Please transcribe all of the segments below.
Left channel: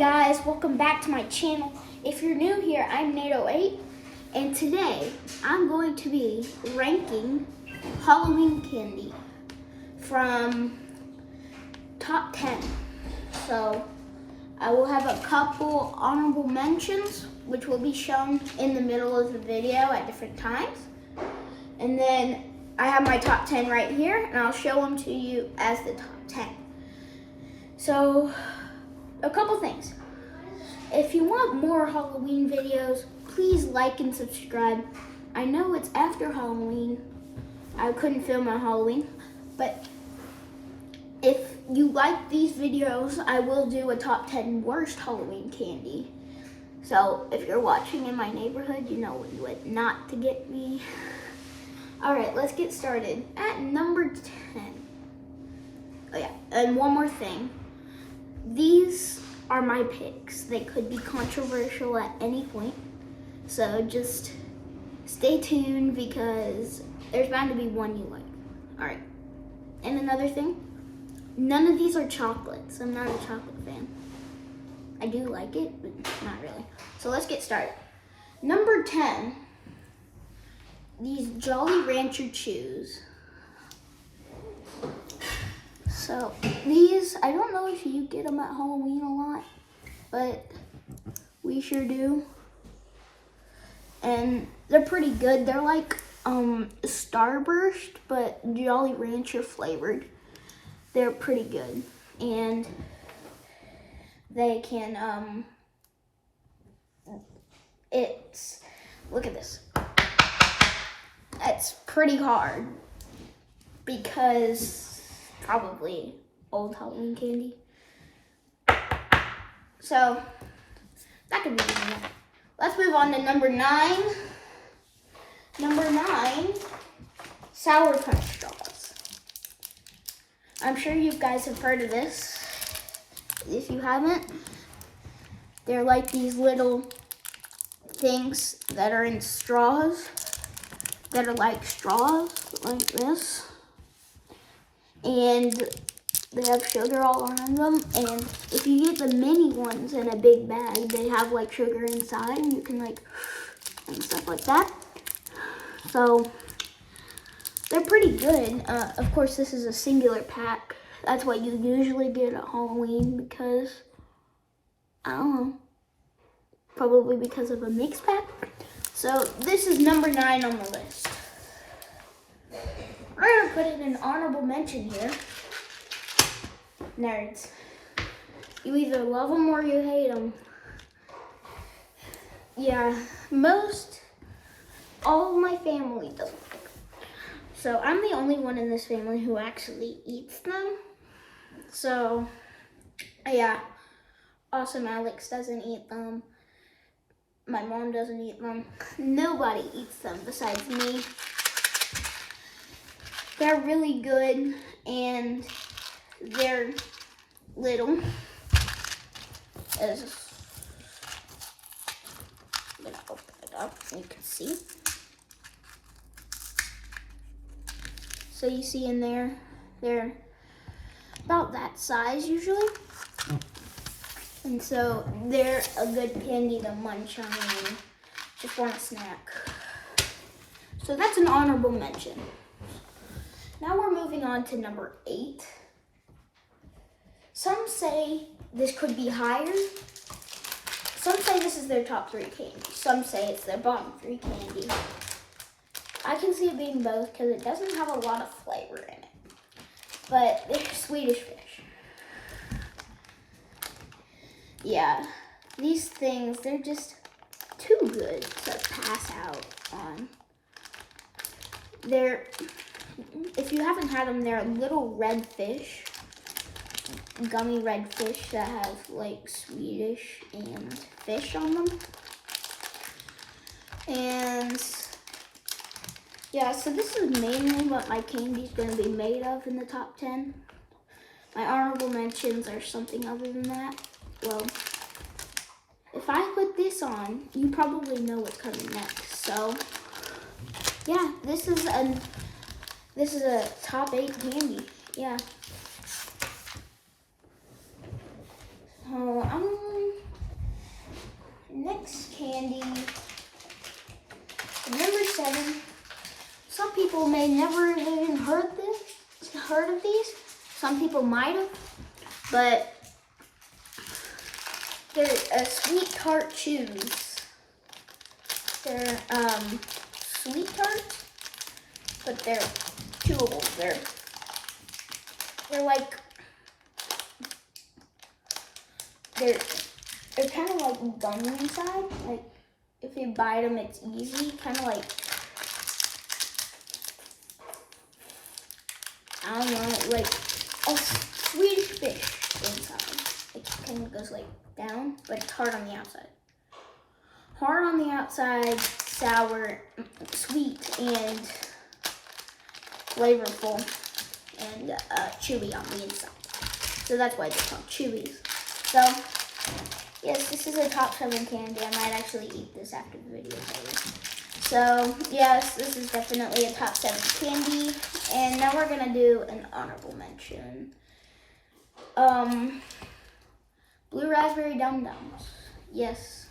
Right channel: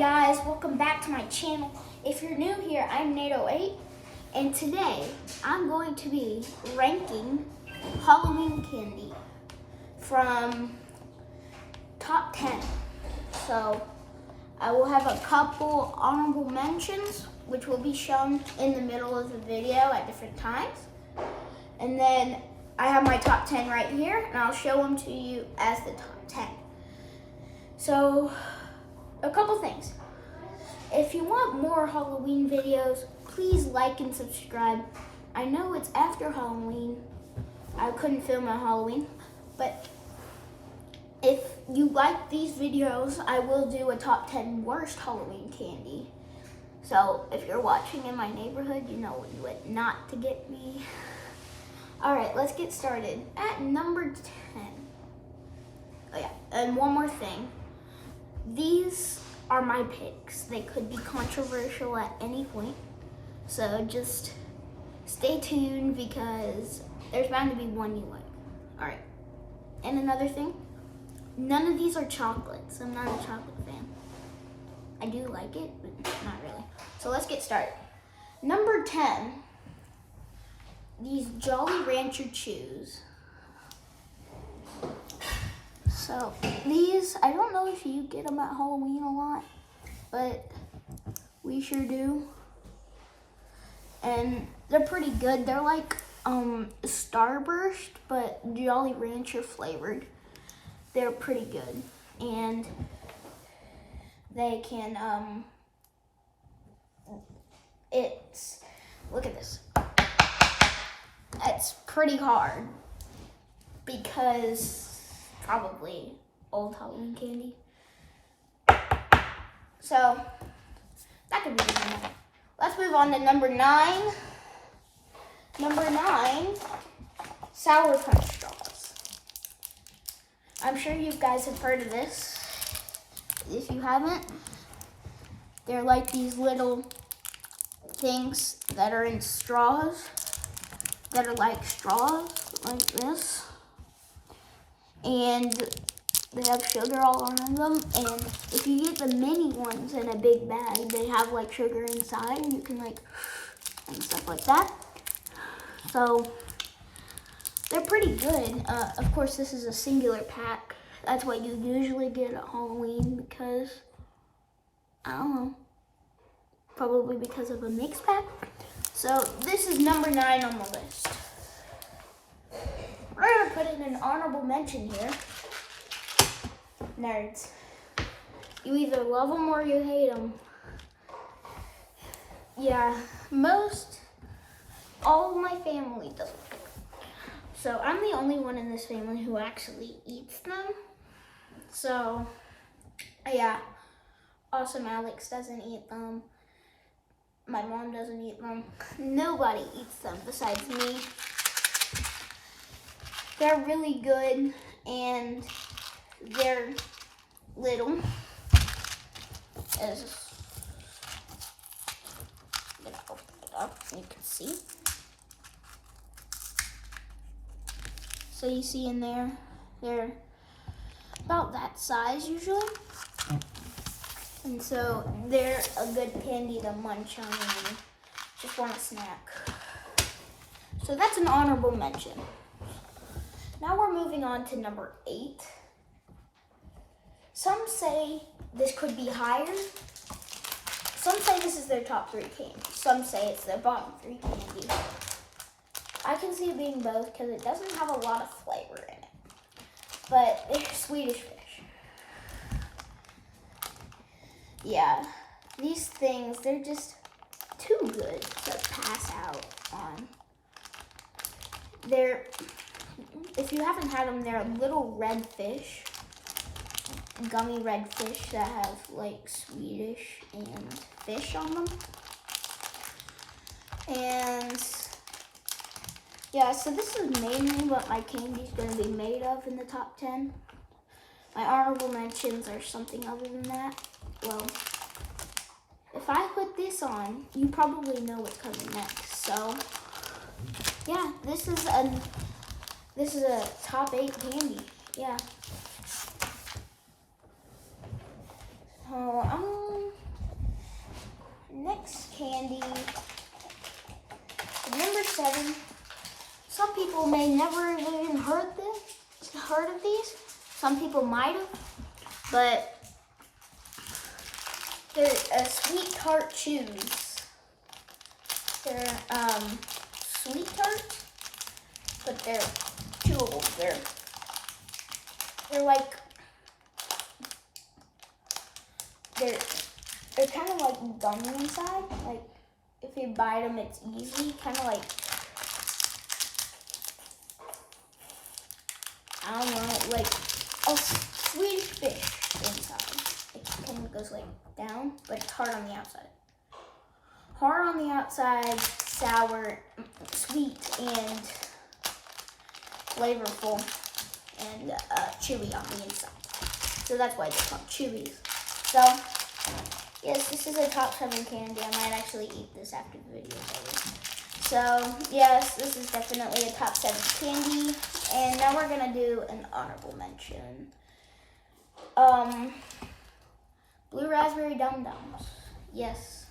guys, welcome back to my channel. If you're new here, I'm Nate08, and today I'm going to be ranking Halloween candy from top 10. So I will have a couple honorable mentions, which will be shown in the middle of the video at different times. And then I have my top 10 right here, and I'll show them to you as the top 10. So, a couple things. If you want more Halloween videos, please like and subscribe. I know it's after Halloween. I couldn't film on Halloween, but if you like these videos, I will do a top 10 worst Halloween candy. So if you're watching in my neighborhood, you know what not to get me. All right, let's get started. At number 10. Oh yeah, and one more thing. These are my picks. They could be controversial at any point. So just stay tuned because there's bound to be one you like. All right. And another thing, none of these are chocolates. I'm not a chocolate fan. I do like it, but not really. So let's get started. Number 10, these Jolly Rancher Chews. So these, I don't know if you get them at Halloween a lot, but we sure do. And they're pretty good. They're like Starburst, but Jolly Rancher flavored. They're pretty good. And they can, look at this. It's pretty hard because probably old Halloween candy. So that could be easy. Let's move on to number 9. Number 9, Sour Punch straws. I'm sure you guys have heard of this. If you haven't, they're like these little things that are in straws, that are like straws, like this. And they have sugar all around them. And if you get the mini ones in a big bag, they have like sugar inside, and you can like, and stuff like that. So they're pretty good. Of course, this is a singular pack. That's what you usually get at Halloween because, I don't know, probably because of a mix pack. So this is number 9 on the list. We're gonna put in an honorable mention here. Nerds. You either love them or you hate them. Yeah, all of my family doesn't like them. So I'm the only one in this family who actually eats them. So, yeah. Awesome Alex doesn't eat them. My mom doesn't eat them. Nobody eats them besides me. They're really good, and they're little. I'm gonna open it up so you can see. So you see in there, they're about that size usually. And so they're a good candy to munch on when you just want a snack. So that's an honorable mention. Now we're moving on to number 8. Some say this could be higher. Some say this is their top 3 candy. Some say it's their bottom 3 candy. I can see it being both because it doesn't have a lot of flavor in it. But they're Swedish Fish. Yeah, these things, they're just too good to pass out on. If you haven't had them, they're little red fish, gummy red fish that have like Swedish and fish on them. And yeah, so this is mainly what my candy's gonna be made of in the top 10. My honorable mentions are something other than that. Well, if I put this on, you probably know what's coming next. So yeah, this is a top 8 candy. Yeah. candy. Number 7. Some people may never have even heard of these. Some people might have, but they're sweet tart chews. They're sweet tarts, but they're chewable. They're like they're kind of like gummy inside. Like if you bite them, it's easy. Kind of like, I don't know, like a Swedish fish inside. It kind of goes like down, but it's hard on the outside. Hard on the outside, sour, sweet, and flavorful, and chewy on the inside. So that's why they're called chewies. So, yes, this is a top 7 candy. I might actually eat this after the video is over. So, yes, this is definitely a top 7 candy. And now we're going to do an honorable mention. Blue raspberry dum-dums. Yes.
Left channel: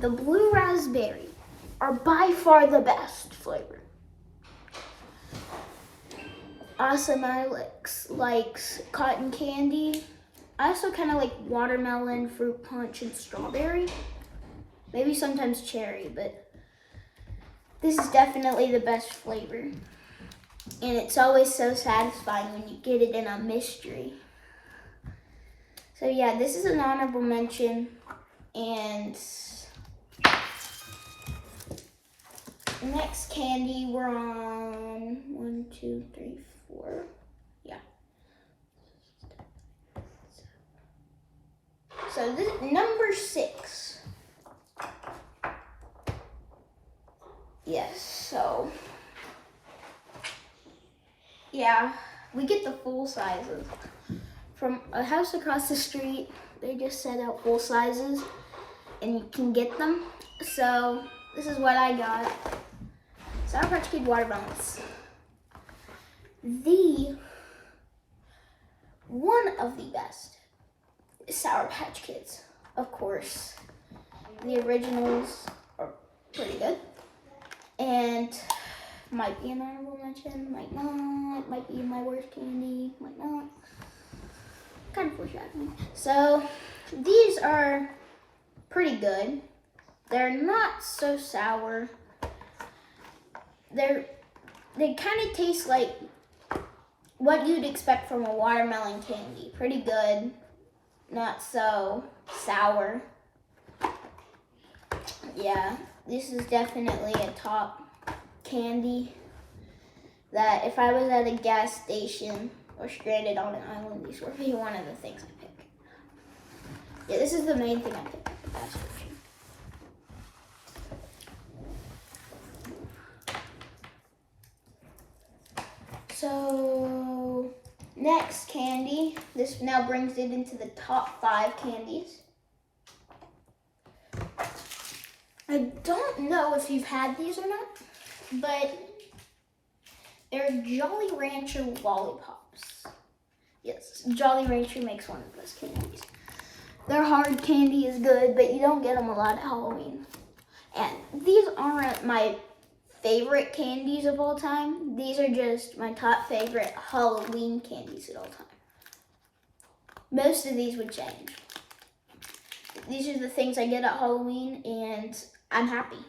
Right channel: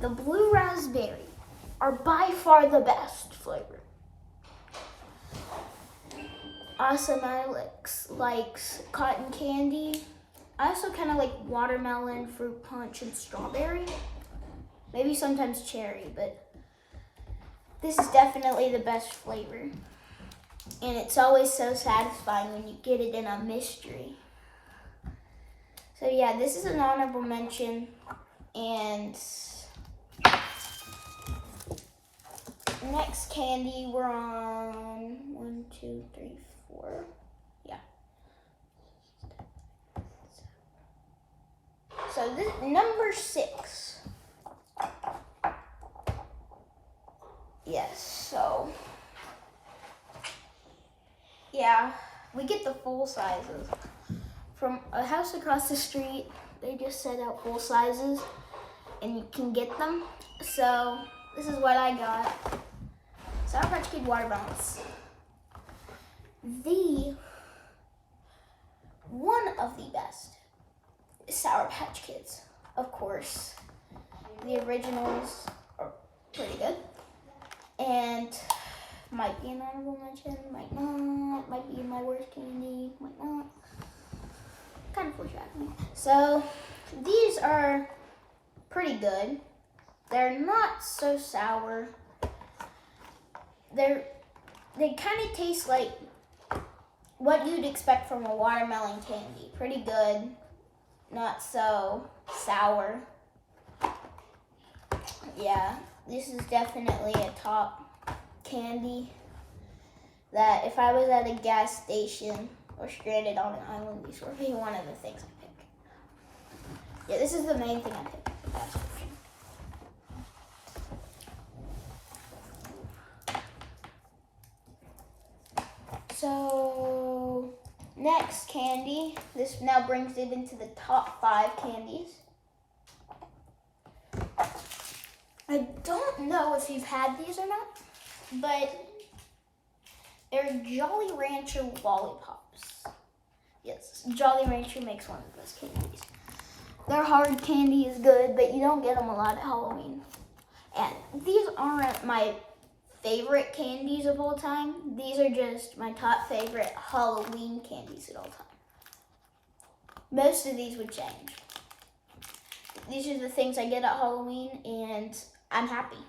The blue raspberry are by far the best flavor. Awesome, I likes cotton candy. I also kind of like watermelon, fruit punch, and strawberry. Maybe sometimes cherry, but this is definitely the best flavor. And it's always so satisfying when you get it in a mystery. So yeah, this is an honorable mention. And next candy, we're on 1, 2, 3, 4. Yeah. So this number 6. Yes, so yeah, we get the full sizes. From a house across the street, they just set out full sizes and you can get them. So this is what I got. Sour Patch Kid watermelons. One of the best is Sour Patch Kids. Of course, the originals are pretty good. And might be an honorable mention, might not, might be my worst candy, might not. Kind of foreshadowing. So these are pretty good. They're not so sour. They kind of taste like what you'd expect from a watermelon candy. Pretty good, not so sour. Yeah, this is definitely a top candy that if I was at a gas station or stranded on an island, these would be one of the things I pick. Yeah, this is the main thing I pick at the gas station. So, next candy. This now brings it into the top 5 candies. I don't know if you've had these or not, but they're Jolly Rancher lollipops. Yes, Jolly Rancher makes one of the best candies. Their hard candy is good, but you don't get them a lot at Halloween. And these aren't my favorite candies of all time. These are just my top favorite Halloween candies of all time. Most of these would change. These are the things I get at Halloween, and I'm happy.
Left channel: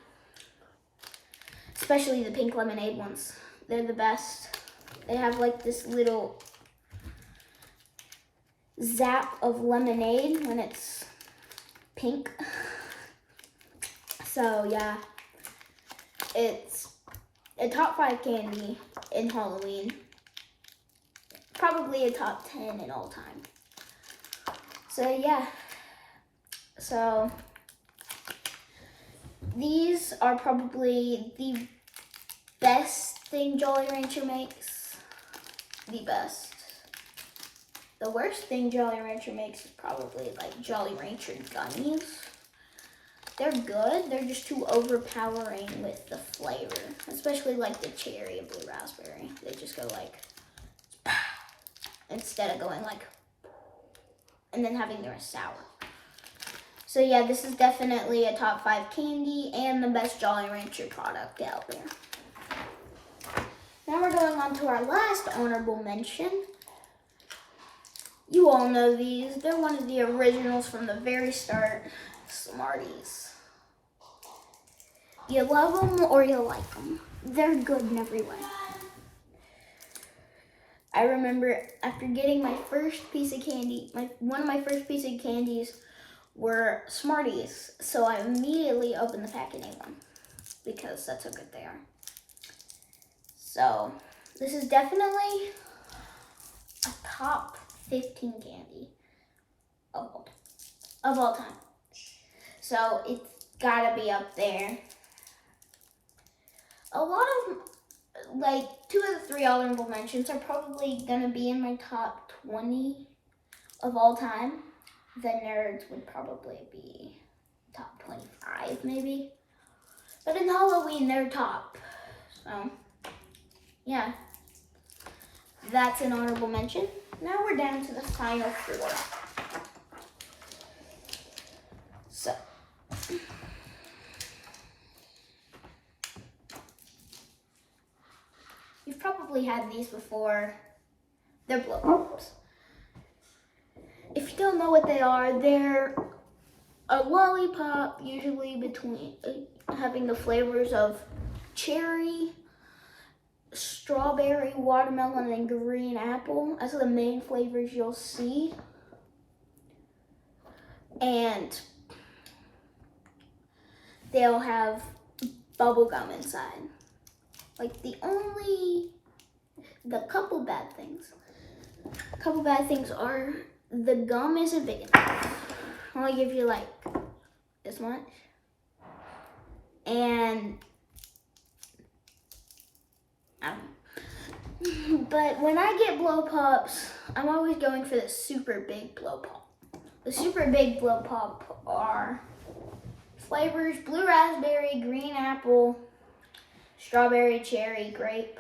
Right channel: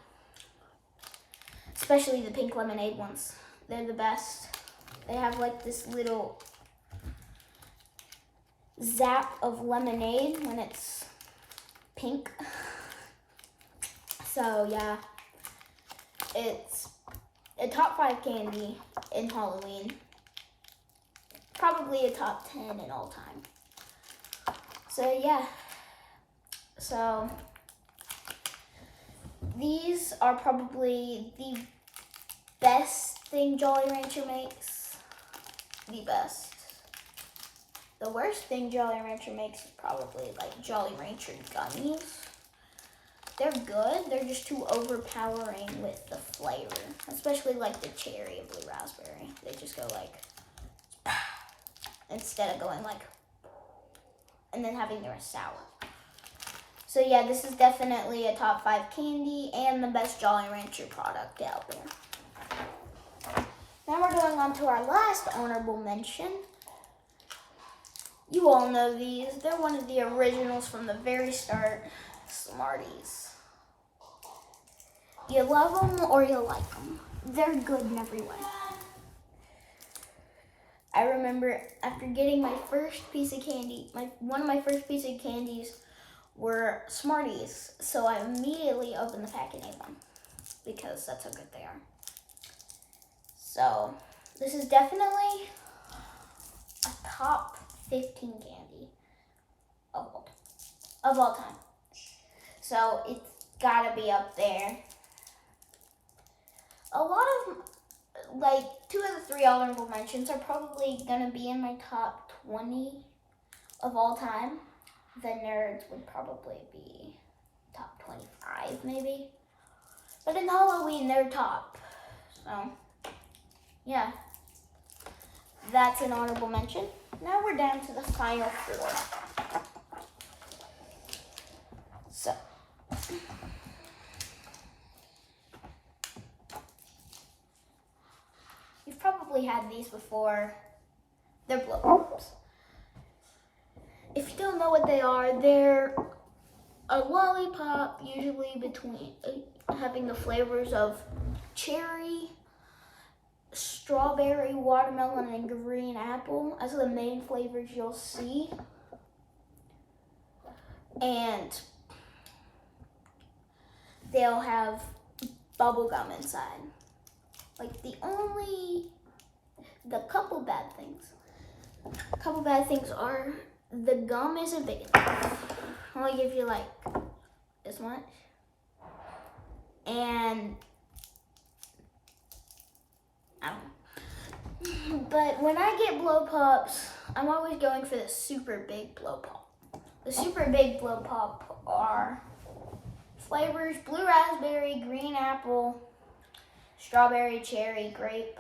Especially the pink lemonade ones. They're the best. They have like this little zap of lemonade when it's pink. So yeah, it's a top 5 candy in Halloween. Probably a top 10 in all time. So yeah, so these are probably the best thing Jolly Rancher makes. The best. The worst thing Jolly Rancher makes is probably like Jolly Rancher gummies. They're good, they're just too overpowering with the flavor. Especially like the cherry and blue raspberry. They just go like, instead of going like, and then having their sour. So yeah, this is definitely a top 5 candy and the best Jolly Rancher product out there. Now we're going on to our last honorable mention. You all know these. They're one of the originals from the very start. Smarties. You love them or you like them. They're good in every way. I remember after getting my first piece of candy, one of my first pieces of candies were Smarties. So I immediately opened the pack and ate one because that's how good they are. So this is definitely a top 15 candy of all time. So it's gotta be up there. A lot of, like, 2 of the 3 honorable mentions are probably gonna be in my top 20 of all time. The Nerds would probably be top 25 maybe. But in Halloween, they're top. So, yeah. That's an honorable mention. Now we're down to the final 4. So, you've probably had these before. They're blow pops. If you don't know what they are, they're a lollipop, usually between having the flavors of cherry, strawberry, watermelon, and green apple as the main flavors you'll see. And they'll have bubble gum inside. Like the couple bad things are the gum isn't big enough. I only give you like this much. And I don't know. But when I get blow pops, I'm always going for the super big blow pop. The super big blow pop are flavors: blue raspberry, green apple, strawberry, cherry, grape,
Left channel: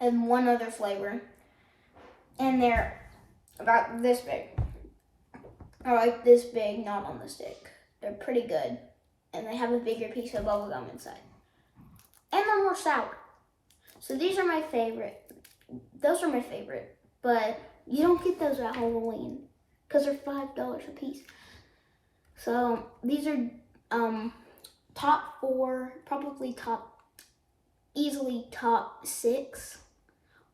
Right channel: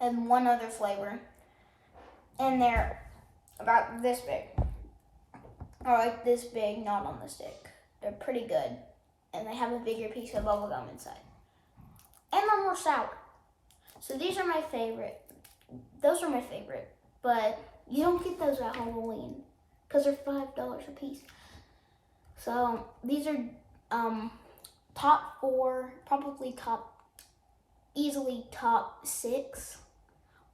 and one other flavor. And they're about this big. Or like this big, not on the stick. They're pretty good. And they have a bigger piece of bubble gum inside. And they're more sour. So these are my favorite. Those are my favorite. But you don't get those at Halloween because they're $5 a piece. So these are top 4, probably easily top 6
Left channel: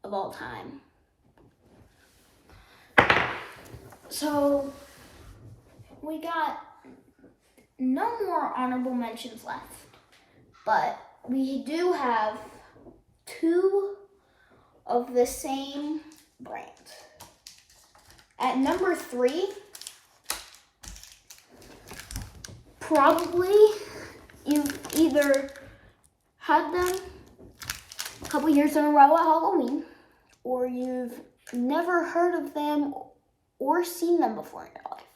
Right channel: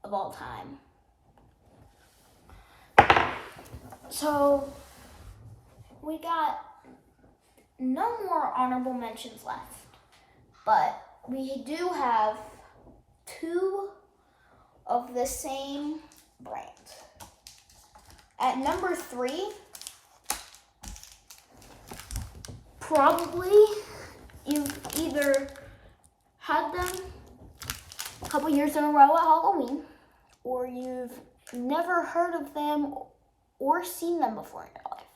of all time. So we got no more honorable mentions left, but we do have 2 of the same brand. At number 3, probably you've either had them a couple years in a row at Halloween, or you've never heard of them or seen them before in your life.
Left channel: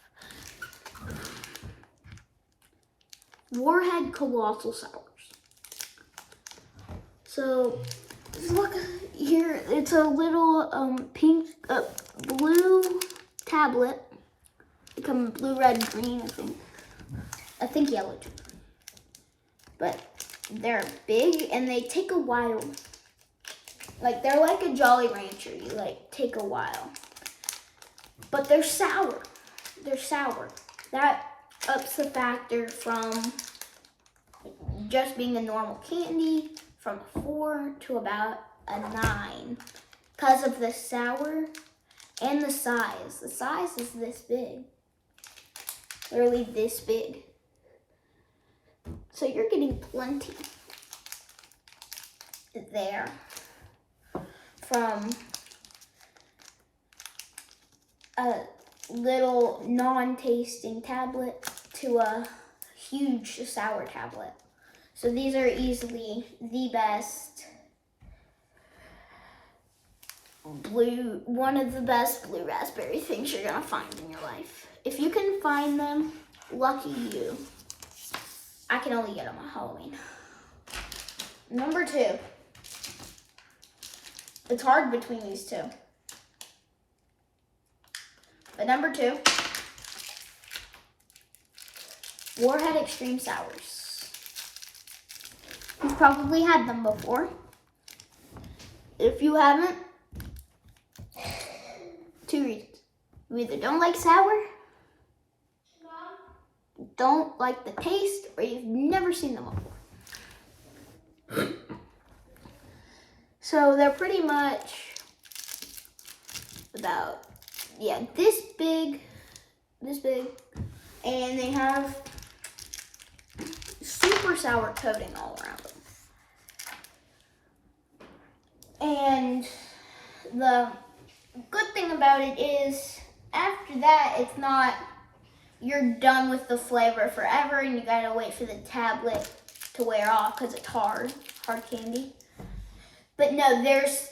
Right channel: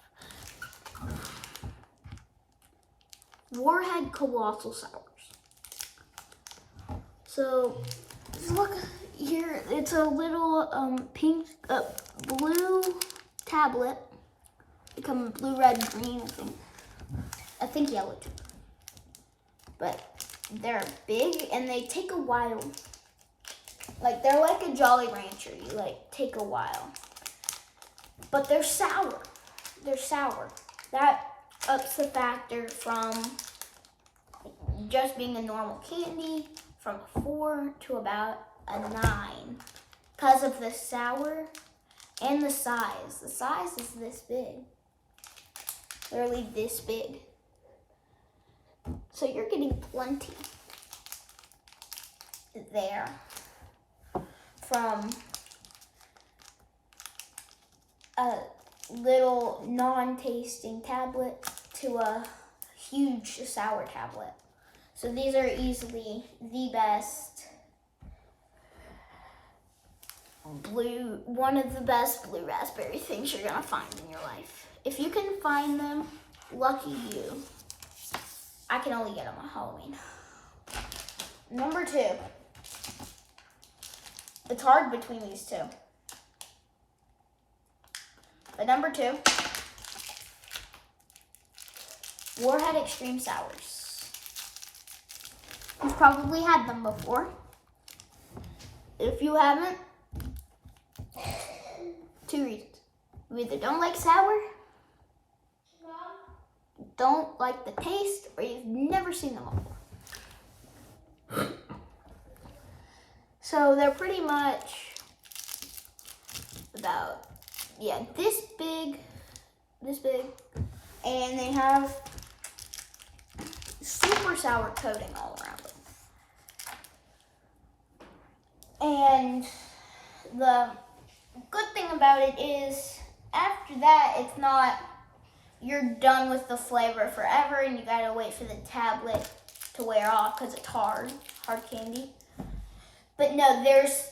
Warhead Colossal Sours. So, look here, it's a little pink, blue tablet. They come in blue, red, green, I think yellow too. But they're big and they take a while. Like, they're like a Jolly Rancher. You like take a while. But they're sour. They're sour. That ups the factor from just being a normal candy from a 4 to about a 9. Because of the sour and the size. The size is this big. Literally this big. So you're getting plenty there from a little non-tasting tablet to a huge sour tablet. So these are easily the best one of the best blue raspberry things you're gonna find in your life. If you can find them, lucky you. I can only get them on Halloween. Number 2. It's hard between these two. But number 2 Warhead Extreme Sours. You've probably had them before. If you haven't, 2 reasons. You either don't like sour, don't like the taste, or you've never seen them before. So they're pretty much about, yeah, this big, and they have super sour coating all around them. And the good thing about it is, after that, it's not, you're done with the flavor forever and you gotta wait for the tablet to wear off because it's hard candy. But no, there's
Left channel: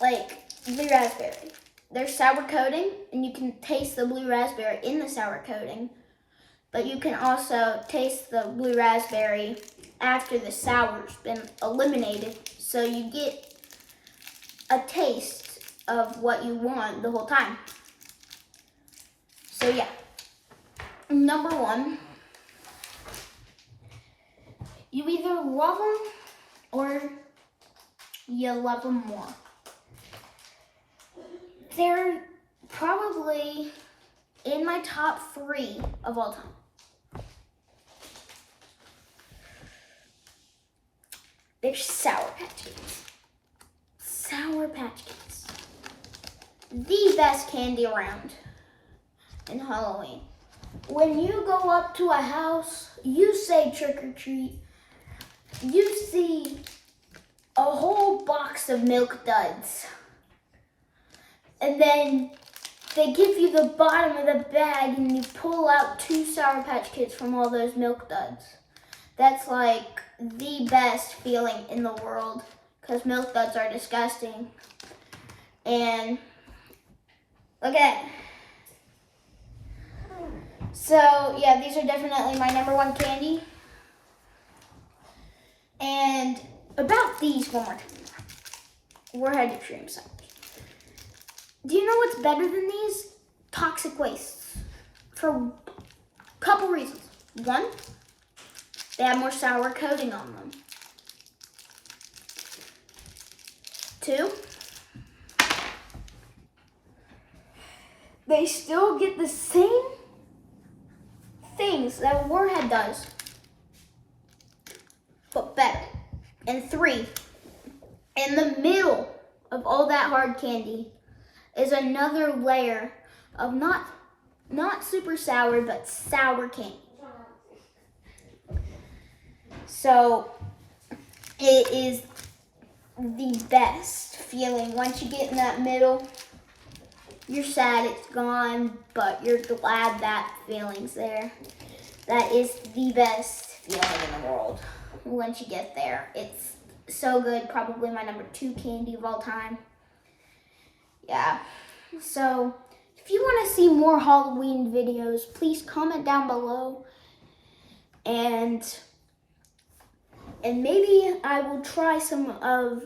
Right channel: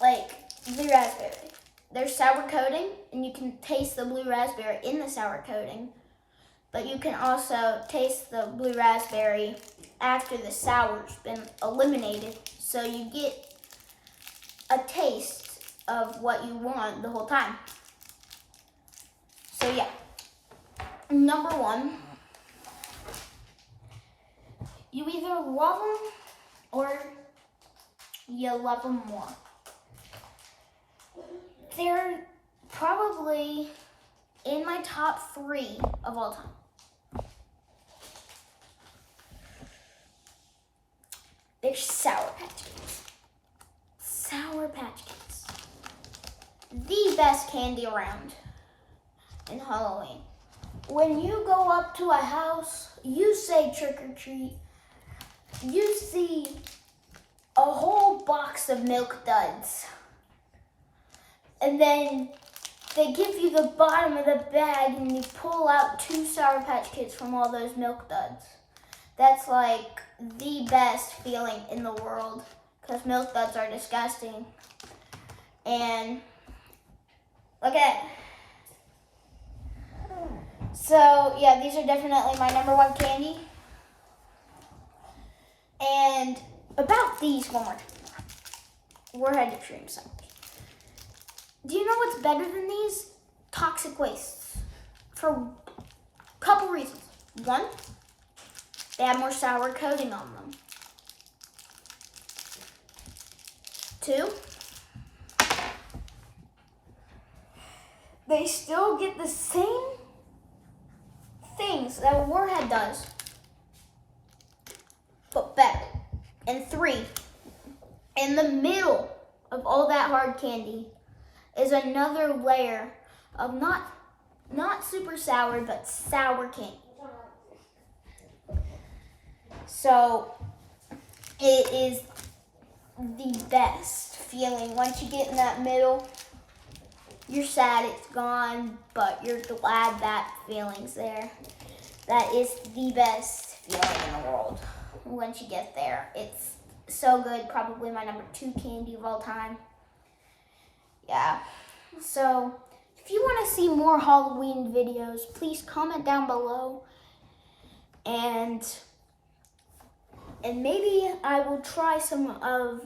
like blue raspberry. There's sour coating, and you can taste the blue raspberry in the sour coating. But you can also taste the blue raspberry after the sour's been eliminated. So you get a taste of what you want the whole time. So yeah, number 1, you either love them or you love them more. They're probably in my top 3 of all time. They're Sour Patch Kids. Sour Patch Kids. The best candy around in Halloween. When you go up to a house, you say trick or treat, you see a whole box of Milk Duds. And then they give you the bottom of the bag and you pull out 2 Sour Patch Kids from all those Milk Duds. That's like the best feeling in the world because Milk Duds are disgusting. And look at it. So yeah, these are definitely my number 1 candy. And about these, one more time. Warhead Extreme Sours. Do you know what's better than these? Toxic wastes. For a couple reasons. 1, they have more sour coating on them. 2, they still get the same things that Warhead does, but better. And 3, in the middle of all that hard candy is another layer of not super sour, but sour candy. So it is the best feeling. Once you get in that middle, you're sad it's gone, but you're glad that feeling's there. That is the best feeling in the world once you get there. It's so good, probably my number 2 candy of all time. Yeah, so if you want to see more Halloween videos, please comment down below, and maybe I will try some of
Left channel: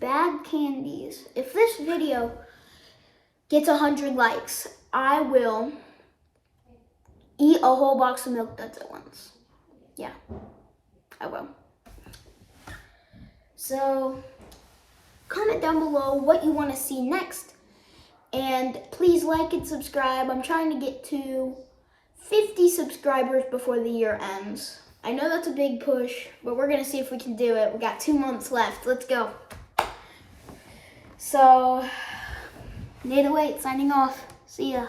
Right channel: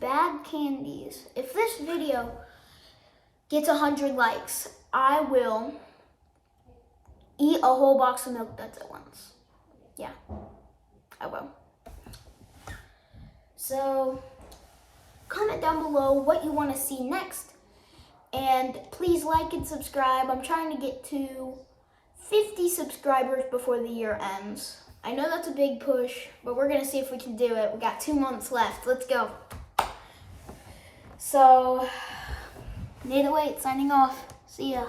bad candies. If this video gets 100 likes, I will eat a whole box of Milk Duds at once. Yeah, I will. So comment down below what you want to see next, and please like and subscribe. I'm trying to get to 50 subscribers before the year ends. I know that's a big push, but we're gonna see if we can do it. We got 2 months left. Let's go. So, Nate 08 signing off. See ya.